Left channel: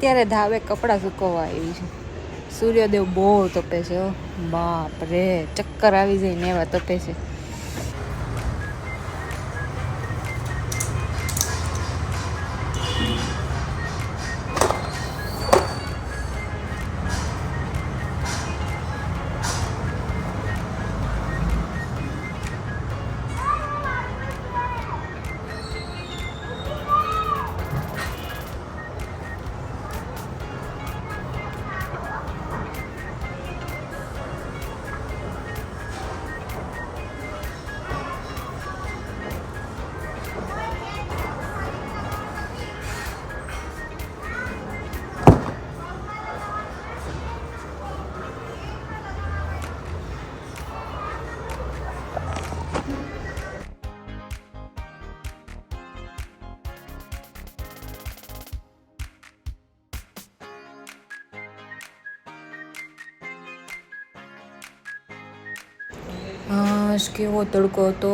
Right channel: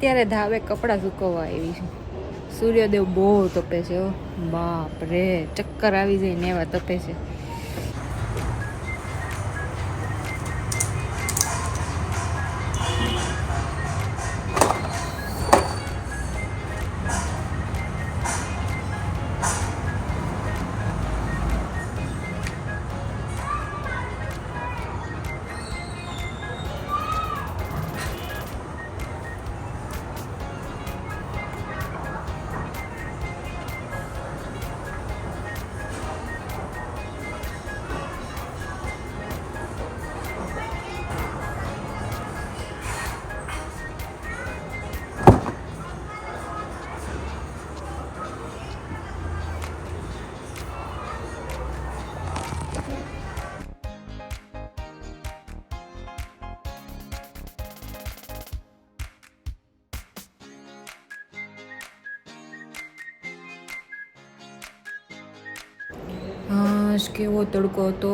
અત્યારે ધાવે કપડાં સુકવવા આવી છું. સૂર્યદેવ બહુ તપે છે. બાપ રે, ચક્કર આવી જાય ને એવા તપે છે. કેવો તડકો હતો.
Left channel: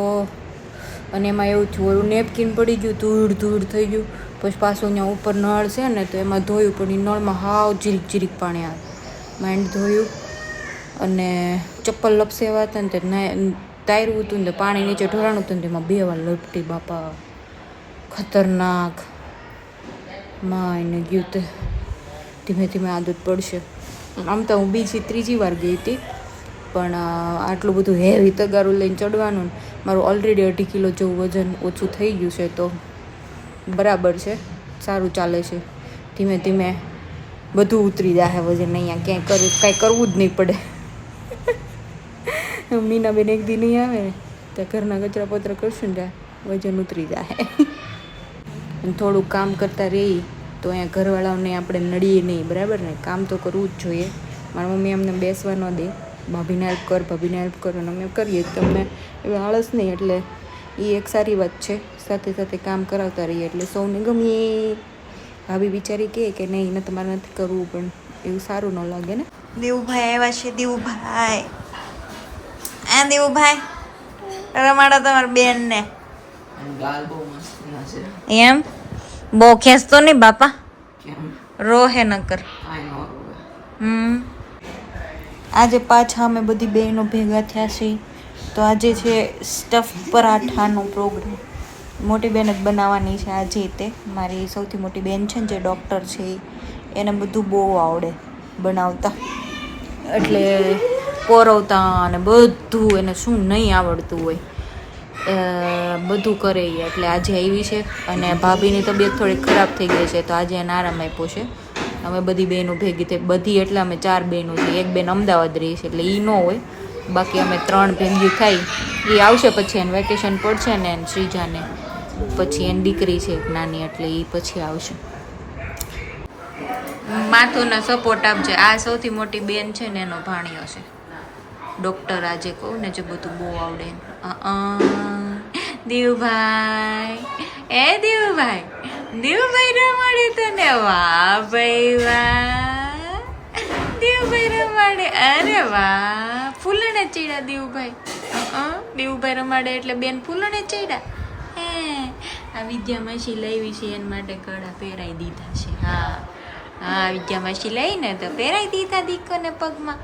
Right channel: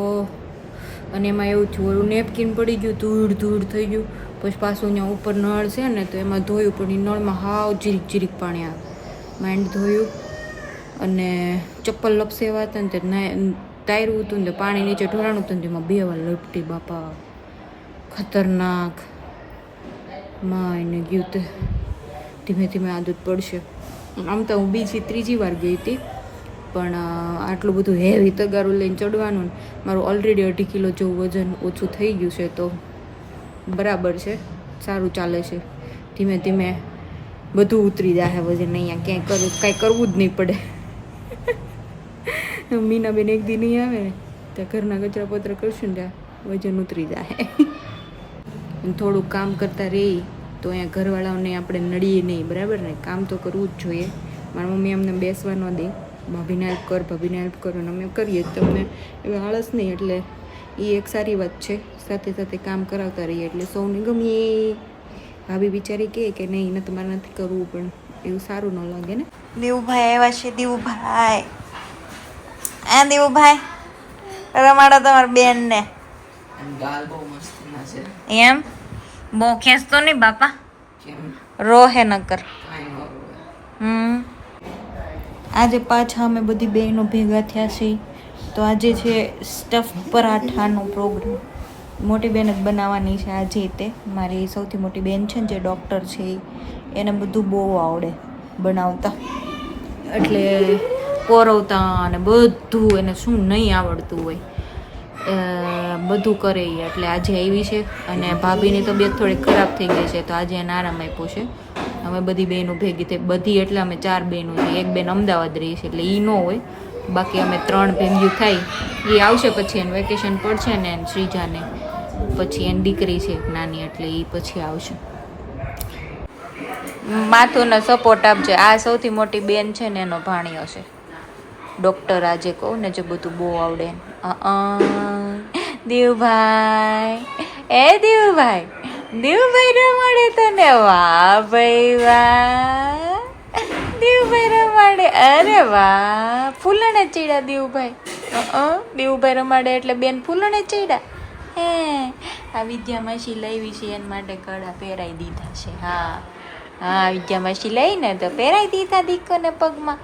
અને એમાં એવું થયું, ઓલું નેપકિન પડી ગયું, ધૂળ થઈ ગયું. પછી પાછું અહીંયા ઉપર નળ છે ને, તો એમાં ધોયું, પણ એ નળમાં હાવ જીરીક પાણી આવે. માંડ ધોયું અને ચપ્પલ લપસેવા હતા ને તે તાર્યું હતું ને પાણી નીચે ઢોળાણું હતું ને તેમાં 2 વાર લપટી. બાપા ખતરનાક. માં એને ગયું તે ધીમે ધીમે આદત પડશે. આમ તો હું બીજી 3જી વાર ગઈ હતી, પણ આટલું બધું હેવી તગારું લઈને ચડવાનું, મારું ઓલરેડી 2.5 કિલો જેવું વજન ઓછું થઈ ગયું છે, તો બરાબર છે, સારું ચાલે છે. ધીમે ધીમે બધું ઉતરી જાય વજન. અહીંયા ક્યાંય કાંઈ કરવું જ નહીં પડે. મીનાબેન એક દી નહીં આવે ને ત્યાં ઘરના કચરા પત્ર કરશું ને ત્યાં વજન ઉતરી જાય. અને થોડુંક કામ કરતા રહી તો અહીંયા ઘરવાળાઓને આપણે નડીએ નહીં, બરાબર ને? કામ તો કરવું જ જોઈએ. મારી મમ્મી અમને બેસવા ન દે, ભાભીને હેલ્પ કરો, અને અમે કરીએ. તમને એવી આળસ નહીં, એટલે એ એક સારી વાત છે. સાથે સાથે કામ કરાવતા રહીએ એટલે સૌને ગમીએ. ભાભી બિચારી કહે કે નહીં, એને તમારે નથી કરવું, પણ એવું સારું ન લાગે ને. દેવુભાઈ આવ્યા છે. દેવુભાઈ, દેવુભાઈ રમાડો તમારા બેન ને. એમ બહુ ખેંચતો નહીં બાપા, રોહે નકર. આજે પાછા અમે બધી બહેનો ભેગા થયા છીએ. તો આજે છે સ્ટફ પરાઠાનો પ્રોગ્રામ. મોટી બેન જ બનાવવાની છે આજે. તે મારી સૌથી મોટી બેન છે ને, જે ડૉક્ટર છે, એને બધું બહુ આવડે બનાવતા, એટલે કોરવતા અને બધું. એને શું નહીં આવડતું હોય બધું કરે એ. એટલે આજે આવી છે. અને ભાભીની તબિયત થોડી ખરાબ થઈ ગઈ છે, તો આજે એને આરામ આપ્યો છે. અમે બધી બહેનો ભેગી થઈ, બધી એટલે અમે 4 બહેનો છીએ. એક બેન અમદાવાદ રહી છે, એટલે એ ન હોય. બાકી અમે 3 ભેગી થઈ. એ આવશે પછી એને વેકેશન પડશે ને, એને શ્રીજાને. પછી એની દીકરી છે એક નાની, એટલે એ પછી આવશે. માથુંનો સપોર્ટ આપજે. આ સૌથી મોટી બેન છે ને, એનો ભાણિયો છે ડૉક્ટર. આજે કહું ને, જે બધું બહુ આવડે. દેવભાઈ, દેવભાઈ રમાડે તને. વાહ ભાઈ વાહ, દેવભાઈ રમાડે. અરે વાહ, ફૂલણે ચડ્યા દેવભાઈ. દેવભાઈ રમાડે એટલે બેન ફૂલણે ચડ્યા. હે, આ વિદ્યા માસી લાવી છે, એના માટે કડા પહેરાઈ દીધા છે. હા, વિદ્યા માસી લઈને તો પહેરાઈ દીધા દીકોને પગમાં.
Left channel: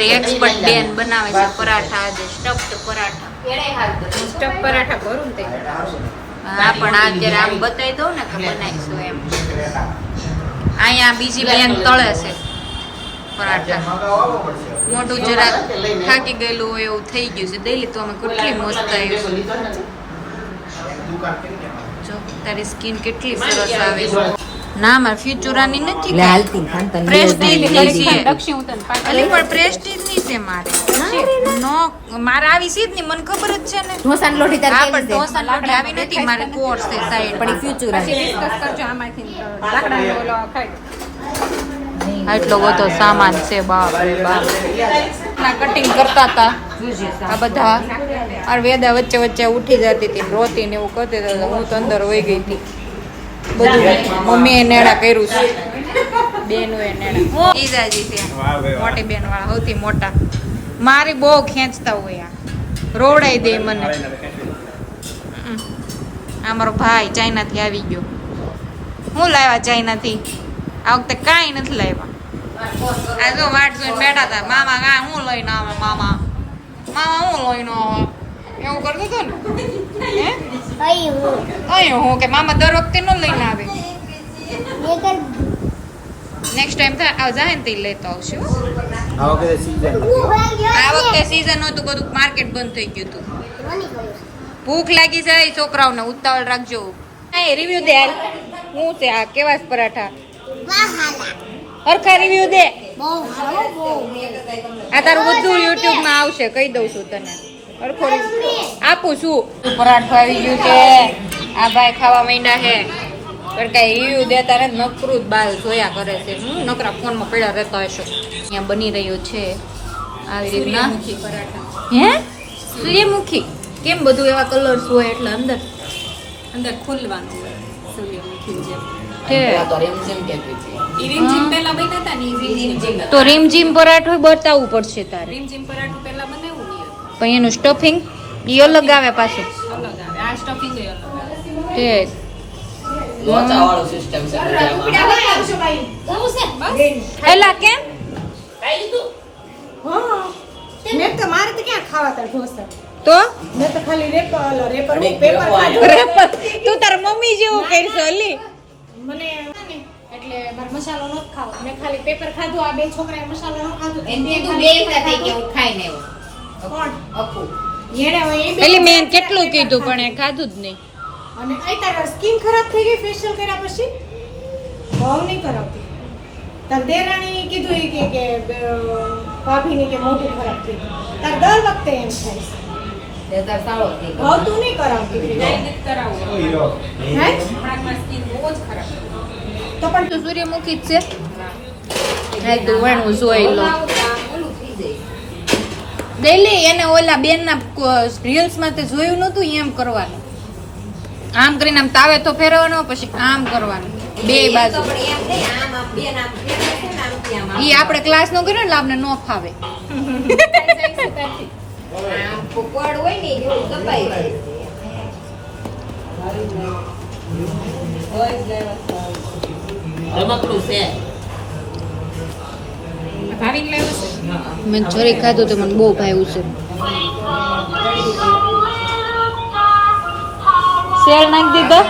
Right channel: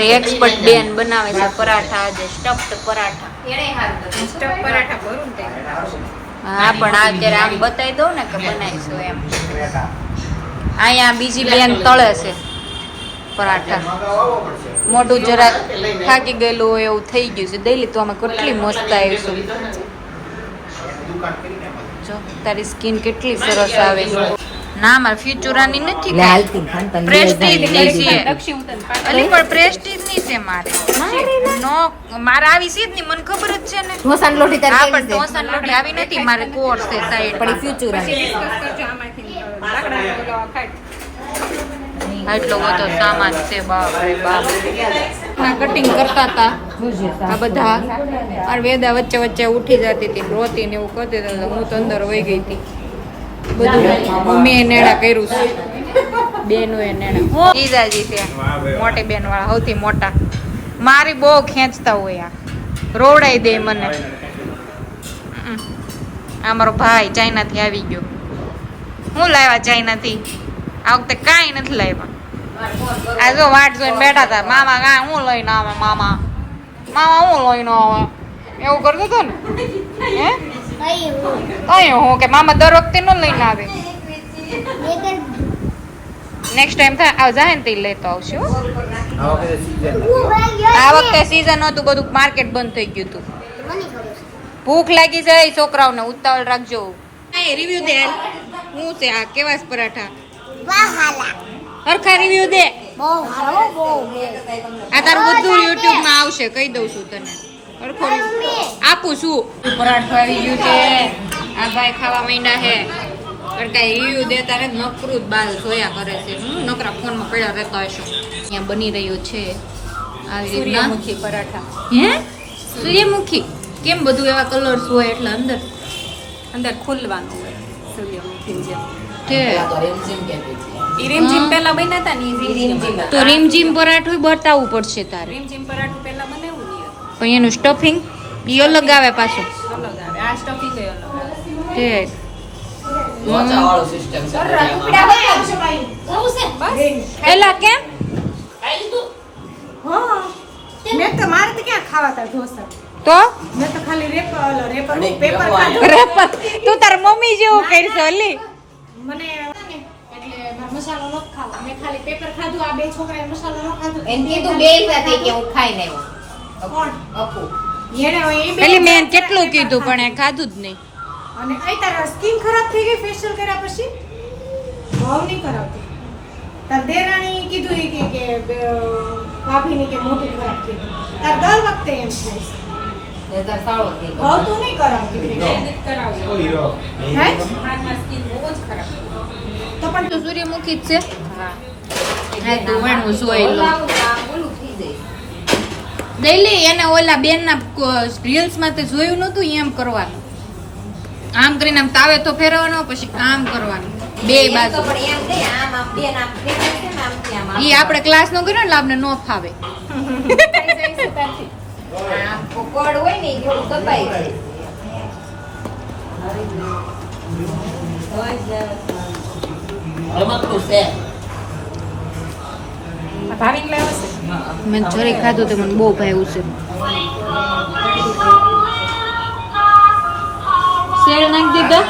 એક્સપર્ટ બેન બનાવે છે પરાઠા. આજે સ્ટફ્ડ પરાઠા. ભરું ને. હા, પણ અત્યારે આમ બતાવી દઉં ને કે બનાવીશું એમ. અહીંયા બીજી બેન તળે છે પરાઠા. મોઢું જરાક થાકી ગયેલું હોય એવું થઈ ગયું છે. દઈ તો અમે કેટલી મસ્ત આવીશું. જો તારી સ્કિન કેટલી સરસ આવે છે. ના, મારે ફ્યુચરાની નથી, પ્રેસ્ટીજની છે. અલી પણ પ્રેસ્ટીજની છે મારે. મારે આવી સીધ ની, મને ખબર જ છે ને. ઢોસાની લોટી તારી પણ ઢોસાની લોટી આવી નથી મારે. કોર્સ છે સાઈડ પણ ફ્યુચરાની. આટલો બધો સામાન છે. બાપ રે બાપ. ના કટિંગ કરતા હતા આ બધા. આ વેદા વચ્ચે ઉઠી જતી હતી, રોતી ને એવું કરતી હતી. હું તો અંદર વહી ગઈ હતી. બધું મમ્મીએ નેડા કર્યું છે. બેનું એ નેડા. ઈદાજી ત્યાં મોટી બેન વાળા સૌથી મોટા. મારી બહુ ખેંચતા હોય. આ રોવડાઈ દે મને. આ મારો ભાઈ ચાઇનાથી આવી ગયો. હું લાવ્યા ચાઇનાથી? આ વખતે કાંઈ નથી લાવ્યા. આ જો વાટ જોઈને બેઠા હતા. મામા કાંઈ હું લઈને આવે? મામા હું લઈને આવે? એવું કરતો હતો ને? હે અહીં હું કે મામા દર વખતે ન લઈને આવે. નેક્સ્ટ ટાઈમ થાય આવ જાય ને તે લેતો આવશું. આ વખતે સીઝન હતું, બધું માર્કેટ બંધ થઈ ગયું હતું. ભૂખ લાગી જાય છોકરાઓને, ઉતાવળ રાખજો. રિવ્યુ દે હાલ. હું છે આ કેવા છે પરાઠા? હરખા રિવ્યુ દે. આ તારું બધું યુટ્યુબ માં આવશે, કહી દઉં છું તને. હરખો આપું છું. પરાઠું આવી ગયું છે. આ ભાઈ ખાવા માંડ્યા છે. પણ કઈ રિવ્યુ દેતા રે નકરું જ બાલ જોયા કરે છે. નકરા ફોનમાં પડ્યા રહેતા હશો. અહીંયા બની રહ્યું છે આવી રીતના પરાઠા. હે સૂર્યમુખી? કેમ બધું એવા કલર્સ હોય એટલે અંદર ખુલવાનું હોય સૂર્યમુખી જેમ. રીમઝીમ પહેલા બન્યા હતા ને તો રીમઝીમ પરાઠું બતાવવું પડશે તારે. રીમઝીમ પરાઠું પહેલા બનાવ્યું નહીં પણ એનું સ્ટફિંગ ઈ અલગ આવે પાછું. અલગ આવે આ સ્ટફિંગ અલગ આવે તે એલા કેમ મેં તો મારે તો ક્યાં ખાવા તા ઢોસા તો મેં તો ખાલી રેપર પેપર ખાધું. રેપર તું તાર મમ્મી જેવું કરશો અલી. મને એટલે મારે મસાલો ન ખાવો. મેં ખાલી પેપર ખાધું. આ બે છોકરાએ મસાલો ન ખાધું. એનથી તો બે સાથે કે હું ખાઈ ને કોણ? અપુ એને હવે એ બે પેલી મેં કેટલું કીધું પણ એ ખાધું જ નહીં. અને આ તારા સ્કિન ખરાબ થઈ ગઈ ફેશિયલ કર્યા પછી? બહુ નહીં કરાવતી. તાર દેરાણી કીધું ઈ કે ભાભીને કે મોઢું ખરાબ થઈ ગયું. તાર દર વખતે એમ થાય છે. દેતા સાળો થઈ બહુ તું નહીં કરાવતી. હે? તો પણ તો સૂર્યમુખી જ છે. હા તો વણવું જોઈ લો. ઓલું થઈ જાય ડેલી એને ઓલા બેન ના રીલ્સ માં તે જોયું નતું એમ કરવાનું. આમ કરીને આમ તાવે તો ફેરવવાનો પછી આમ કરવાનું બે બાજુ. તો પણ એમ નહીં આમ આમ બે નામ છે ને આમ ત્યાં ઈ આપણે ક્લાસ નો કર્યો એટલે આપણે નો ફાવે. આમ પકોડ હોય ને એવું દબાઈ જાય રમકડું છે મેં જરી ખાધું તો મને બહુ ભાવ્યું છે. શેર નાખી દીધો.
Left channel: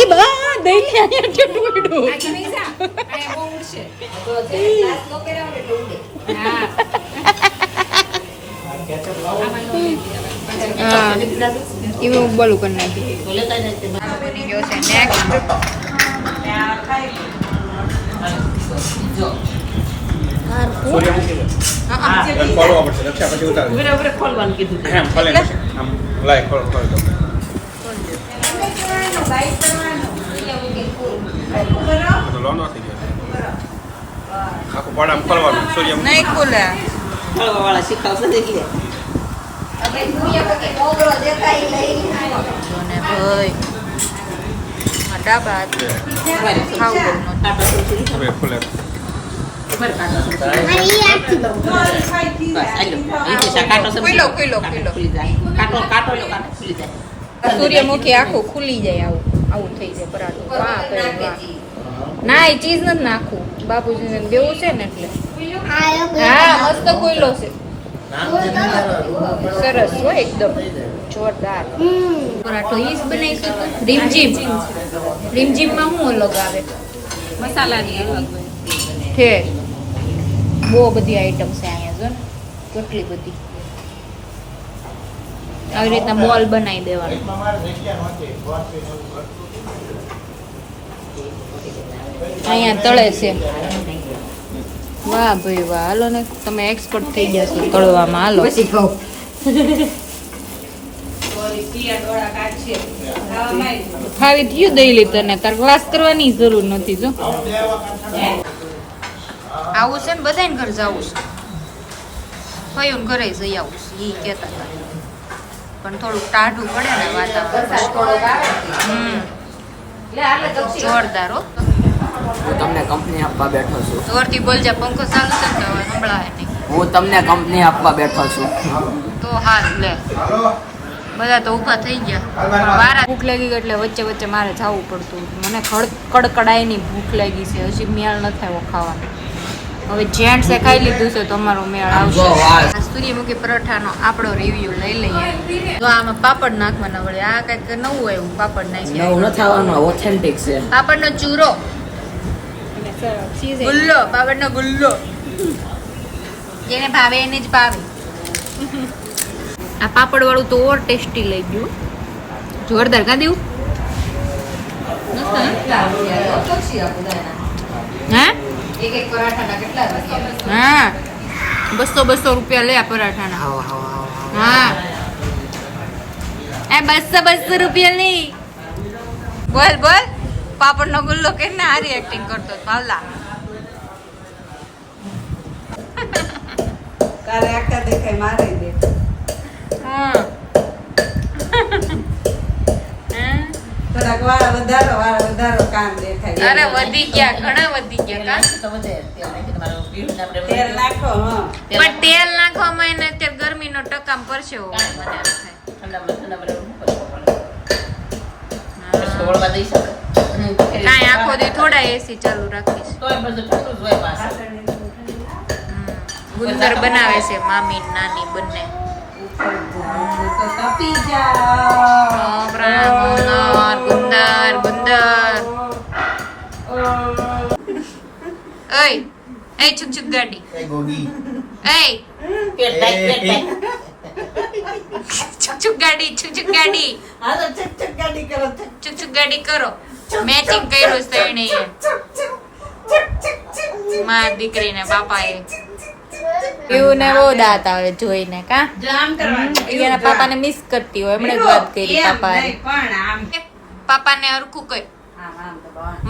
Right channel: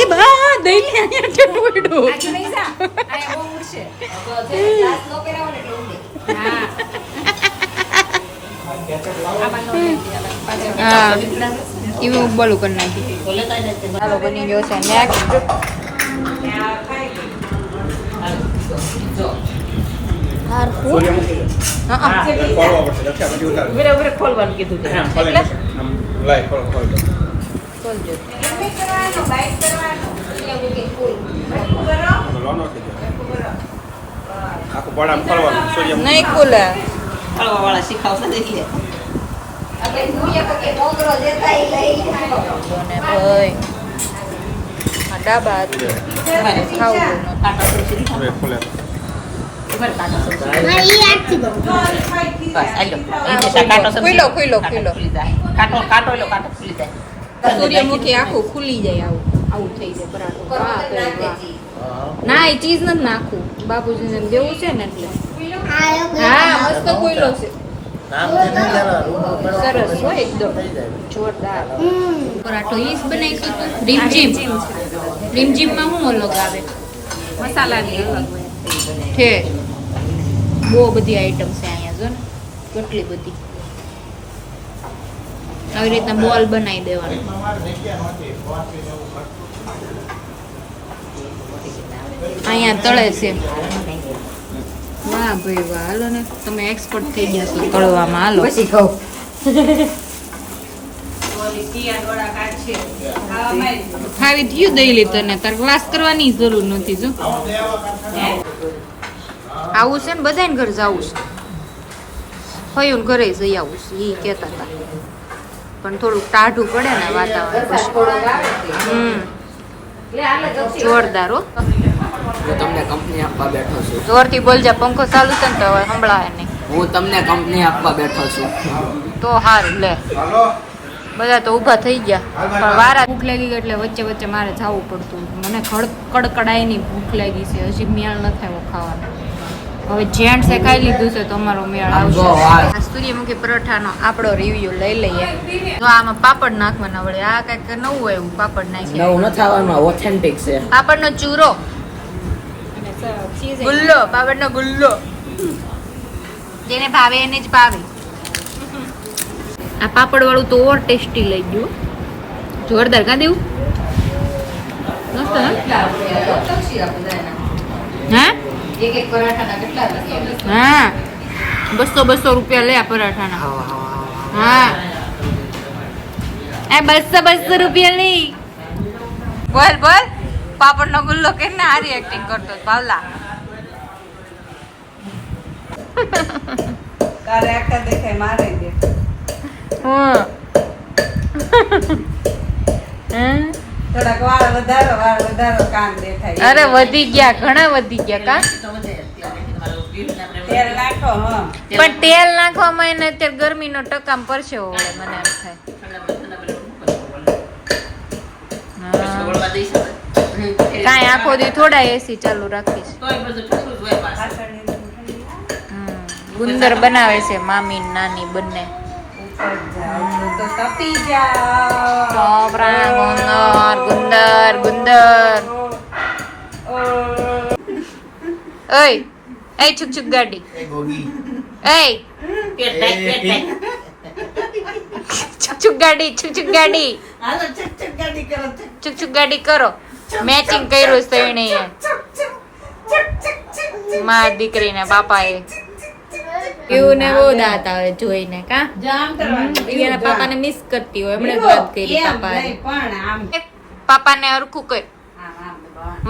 એ બા દહીં ને અહીંયા ઠેઠું આ નહીં જા આ બહુ ઉડશે તો જે ક્લાસ નો કરાવો ને એટલે ઉડે હા એવું બોલું કરી નાખી. ચાલો બની ગયો છે નેક્સ્ટ. ખોલવાનું કીધું નહીં ખુલે. વાળા શીખાવશે એટલે આપણે મોગરો દેતા ઈ લઈ ભાઈ આ ડાબા ખાવું સૂર્યમુખી આખું ખુલી જાય. આવું થઈ જાય પરાઠું. વાહ ભાઈ વાહ. ના એ ચીઝ નથી નાખવું બાપુજીને દેવું છે ને એટલે. હા મસ્ત ખુલ્લો છે. સરસ હો એકદમ જોરદાર પરાઠો. ઈ જ બનાવી રીમઝીમ માં શું અલગ આવે? મસાલાની અલગ છે. બહુ બધી આઈટમ છે અહીંયા જો ને કેટલી બધી. આવી રીતના બોલ બનાવી દેવાનું. અહીંયા તળે છે. વાહ ભાઈ વાહ. હાલો ને તમે એક્સપર્ટ થઈ ગયા છો તળવામાં. હાલો પછી કહું ખાવી થયું દઈ તને તાર ક્લાસ કરવાની જરૂર નથી. જો આવું છે ને બધાને ઘર જવું છે. ફયું ઘરે જઈ આવું છે એ કહેતા હતા પણ થોડુંક ટાઢું પડે ને વાતાવરણ. જોરદાર હો. હું તમને કંપની આપવા બેઠો છું. જોરથી બોલજા પંખો ચાલુ છે ને તો હવે સંભળાય નહીં. હું તમને કંપની આપવા બેઠો છું. તો હારું લે બધા તો ઊભા થઈ ગયા પણ વારા ભૂખ લાગી ગઈ એટલે વચ્ચે વચ્ચે મારે જવું પડતું. મને કડકડાઈની ભૂખ લાગી છે, હજી મેળ ન થયો ખાવાનો. હવે જેન્ટ્સે ખાઈ લીધું છે તો અમારો મેળ આવશે. આ સૂર્યમુખી પરોઠાનો આપણો રિવ્યુ લઈ લઈએ. તો આમાં પાપડ નાખવાના વળે, આ કઈક નવું હોય એવું પાપડ નાખી. નવું ન થવાનું, ઓથેન્ટિક છે. પાપડનો ચૂરો, ગુલ્લો, પાપડનો ગુલ્લો, જેને ભાવે એને જ ભાવે. આ પાપડ વાળું તો ઓર ટેસ્ટી લઈ ગયું, જોરદાર. કા દેવું હા 200 રૂપિયા લે આ પરાઠાના. હા એ 200 રૂપિયા લઈ. બોલ બોલ, પાપડ નો ગુલ્લો કે ને હારી એક્ટિંગ કરતો પાવલા. કાલે આખા દેખાય મારે દે. થોડાક વાળ વધારો કામ દેખાય. અરે વધી ગયા, ઘણા વધી ગયા. તેલ નાખો. પણ તેલ નાખવામાં એને અત્યારે ગરમીનો ટકામ પડશે મને એમ થાય. કાંઈ આખો દી થોડા એસી ચાલુ રાખીશ. ગુંદર બનાવે છે મામી નાની બંને. તો તપી જાઓ. ગુંદર ગુંદર. ઓય એ છુક છુક ગાડી. એ છુક છુક ગાડી, છુક છુક ગાડી, હાલો ચક ચક ગાડી કરો. છુક છુક ગાડી કરો. મેચિંગ કર્યું છે એને માં દીકરીને બાપાએ. એવું ને બહુ દાંત આવે જોઈને. કા એના પાપાને મિસ કરતી હોય, એમણે જ વાત કરી પાપાએ. પાપાને હરખું કર,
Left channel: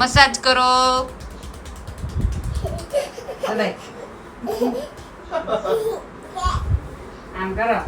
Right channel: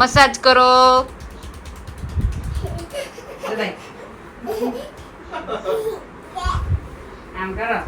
મસાજ કરો. આમ કરો.